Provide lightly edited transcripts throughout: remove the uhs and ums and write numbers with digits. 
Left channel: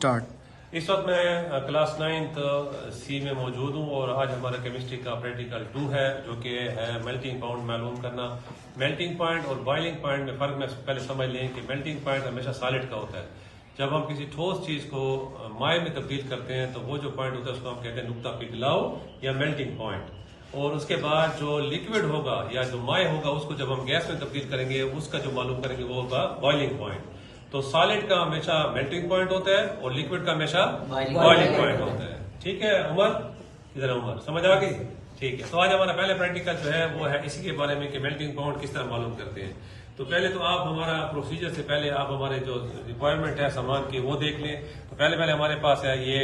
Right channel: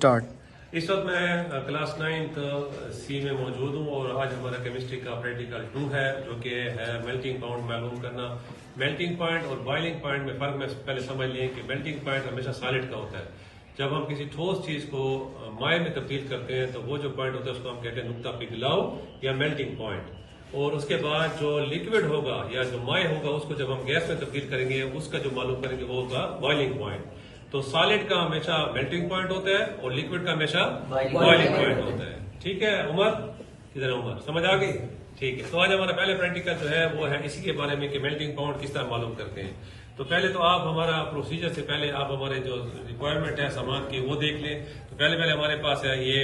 Start. इस वक्त मैं क्लास 9th सी में मौजूद हूँ और आज हमारा केमिस्ट्री का प्रैक्टिकल 2 है जो कि है मेल्टिंग पॉइंट मालूम करना। मेल्टिंग पॉइंट और बॉइलिंग पॉइंट में फर्क में पहले समझ लें कि मेल्टिंग पॉइंट हमेशा सॉलिड का होता है। जब हम किसी ठोस चीज को माए में तब्दील करते हैं तो वो जो पॉइंट होता है उसको हम कहते हैं नुक्ता पिघलाव या मेल्टिंग पॉइंट। और उसके बाद जो लिक्विड होगा या जो माए होगा उसको जब हम गैस में तब्दील करेंगे उसका जो मालूम करेंगे वो होगा बॉइलिंग पॉइंट। तो सॉलिड का हमेशा मेल्टिंग पॉइंट होता है और लिक्विड का हमेशा बॉइलिंग पॉइंट होता है। ठीक है उमर, इधर उमर समझ आ गई? ठीक है, तो आज हमारा पहले प्रैक्टिकल जो है वो है इसी के बारे में कि मेल्टिंग पॉइंट किस तरह मालूम करते हैं। तो पहले तो आप हमारा प्रोसीजर से पहले आप हमारे जो रिक्वायरमेंट है सामान की वो देख लें। तो पहले हमारे पास है ये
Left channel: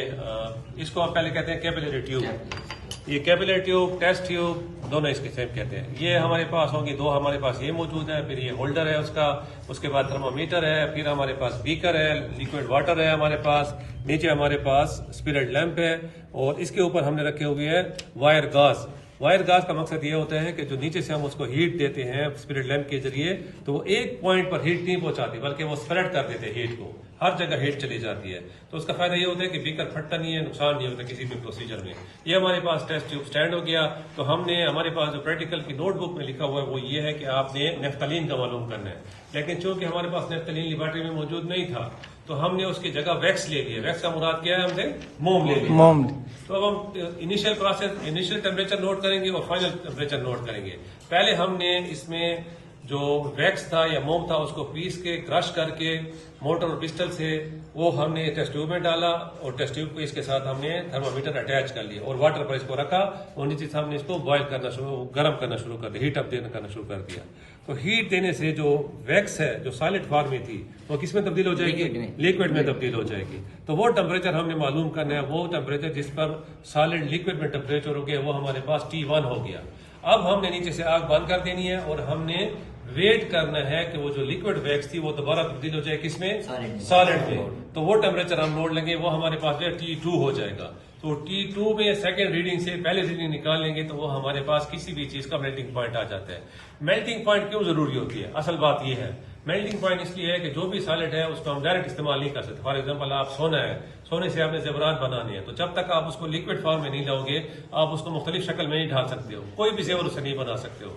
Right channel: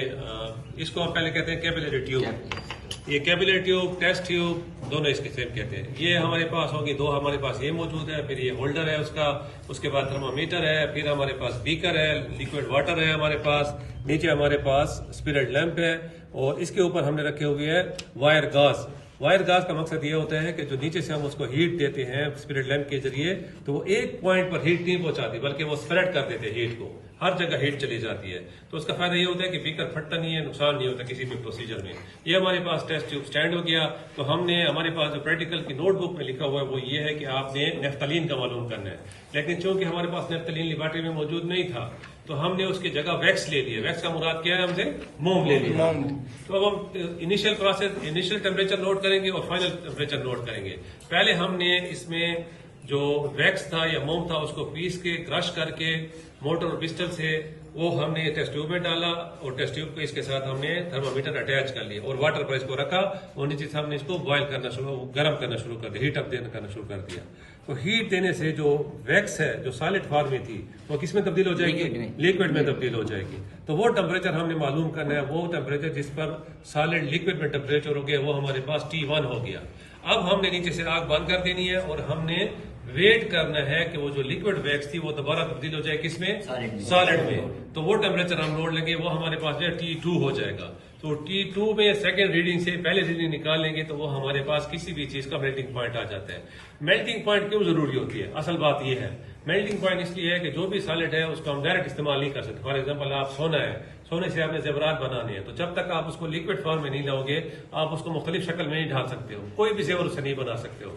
इसको हम पहले कहते हैं कैपिलरी ट्यूब। ये कैपिलरी ट्यूब, टेस्ट ट्यूब दोनों इसके सेम कहते हैं। ये हमारे पास होंगी दो, हमारे पास ये मौजूद है, फिर ये होल्डर है उसका, उसके बाद थर्मामीटर है, फिर हमारे पास बीकर है, लिक्विड वाटर है हमारे पास, नीचे हमारे पास स्पिरिट लैंप है और इसके ऊपर हमने रखे हुए है वायर गाज। वायर गाज का मकसद ये होता है कि जो नीचे से हम उसको हीट देते हैं स्पिरिट लैंप के जरिए तो वो एक पॉइंट पर हीट नहीं पहुंचाती बल्कि वो स्प्रेड कर देते हैं हीट को, हर जगह हीट चली जाती है। तो उसका फायदा ये होता है कि बीकर फटता नहीं है, नुकसान नहीं होता किसी भी प्रोसीजर में। ये हमारे पास टेस्ट ट्यूब स्टैंड हो गया। तो हमने हमारे पास जो प्रैक्टिकल की नोटबुक में लिखा हुआ है वो ये है कि आपने नेफ्थलीन का मालूम करना है, लेकिन चूंकि हमारे पास नेफ्थलीन लेबोरेटरी में मौजूद नहीं था तो हमने उसकी जगह वैक्स ले लिया। वैक्स का मुराद क्या है, हमने मोम ले लिया। मोम। तो अब हम initial process, initial temperature note करेंगे और फाइनल टेम्परेचर नोट करेंगे। पहले हमने इसमें जो वैक्स था या मोम था उसको पीस के क्रश करके मोटर और पिस्टल से वो हमने टेस्ट ट्यूब में डाला और टेस्ट ट्यूब पे इसके साथ हमने थर्मामीटर अटैच कर लिया और वाटर पर इसको रखा और नीचे से हमने इसको बॉयल करना शुरू, गर्म करना शुरू कर दिया, हीट अप करना शुरू कर दिया। तो हीट देने से जो वैक्स है जो सॉलिड फॉर्म में थी वो किस में तब्दील हो जाएगी? लिक्विड में तब्दील हो जाएगी। तो वो टेम्परेचर हमने मालूम करना है, वो टेम्परेचर जिस पर सॉलिड लिक्विड में टेम्परेचर हो गया वो हमारे पास T1 हो गया। अब हमने नीचे से आग बंद कर देनी है और हमने वेट करना है कि वो जो लिक्विड वैक्स थी वो दोबारा तब्दील हो जाए किसमें? सॉलिड में। तो वो टेम्परेचर हम नोट लेंगे, वो हमारे पास जो T2 हो जाएगा। तो T2 में सेकेंड रीडिंग से पहले रीडिंग निकाल लेंगे तो वो हमारे पास किसी भी चीज का मेल्टिंग पॉइंट आ जाता है। मेल्टिंग पॉइंट क्यों जरूरी होती है? असल बात यह है, मेल्टिंग पॉइंट इसलिए है कि जो भी सॉलिड है उसको हम डायरेक्ट इस्तेमाल नहीं कर सकते। फॉर एग्जाम्पल आप सोना है, सोने से आपने जेवरात बनाने हैं तो जब तक आप उसको लिक्विड फॉर्म में नहीं लाओगे आप उसको मुख्तलिफ शक्ल में नहीं ढाल सकते हो, कोई भी जेवर उसे नहीं बना सकते हो।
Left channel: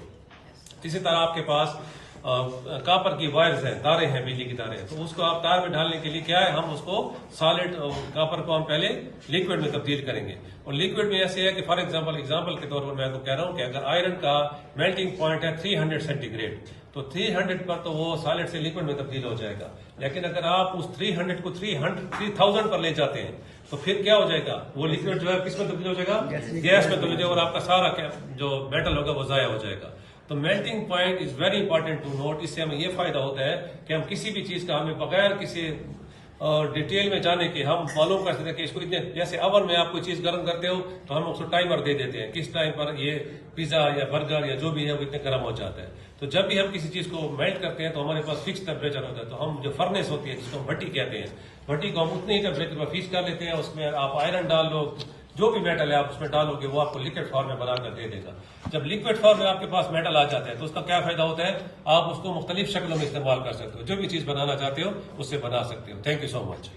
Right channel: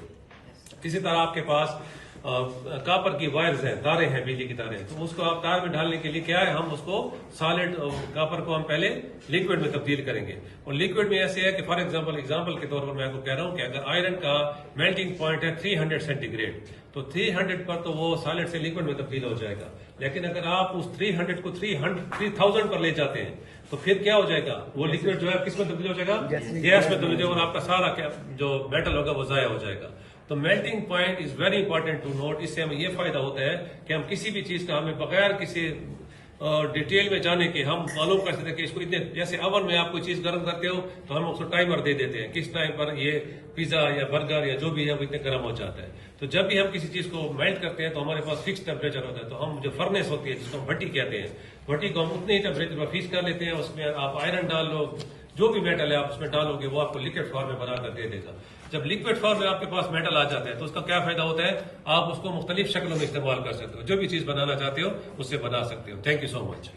इसी तरह आपके पास कापर की वायर्स हैं, तारे हैं, बिजली की तारे हैं, तो उसको आप तार में डालने के लिए क्या है, हम उसको सॉलिड कापर को हम पहले लिक्विड में तब्दील करेंगे। और लिक्विड में ऐसे है कि फॉर एग्जांपल के तौर पर मैं आपको कह रहा हूं कि अगर आयरन का मेल्टिंग पॉइंट है 300 सेंटीग्रेड तो 300 पर तो वो सॉलिड से लिक्विड में तब्दील हो जाएगा। लेकिन अगर आप उस 300 को 3000 पर ले जाते हैं तो फिर क्या हो जाएगा, वो लिक्विड जो है किस में तब्दील हो जाएगा? गैस में तब्दील हो जाएगा और आपका सारा जो मेटल होगा वो जाया हो जाएगा। तो melting point is very important to note. इससे हमें यह फायदा होता है कि हम किसी भी चीज का हमें बगैर किसी डिटेल में जाने के हम मालूम कर सकते हैं कि इसको इतने, जैसे ओवन में आप कोई चीज गर्म करते हो तो हम उसको टाइमर दे देते हैं किस टाइम पर ये पिज्जा या बर्गर या जो भी है वो इतने गर्म हो जाता है। तो जब भी हम किसी चीज को मेल्ट करते हैं तो हमारे पास फिक्स टेम्परेचर होता है। तो हम जो फर्नेस होती है जिसको हम भट्टी कहते हैं, भट्टी को हम उतने ही टेम्परेचर पर फिक्स कर लेते हैं। उसमें आप आयरन डाल लो, जो भी मेटल है आप उसमें डालोगे वो आपको लिक्विड फॉर्म में बनाकर दे देगा। जब लिक्विड फॉर्म में आपके पास मेटल आ जाता है तो उसका क्या फायदा होता है, आप उसको मुख्तलिफ शक्लों में इस्तेमाल कर सकते हो, जो भी चीज बनाना चाहते हो उससे बना सकते हो। Thank you so much.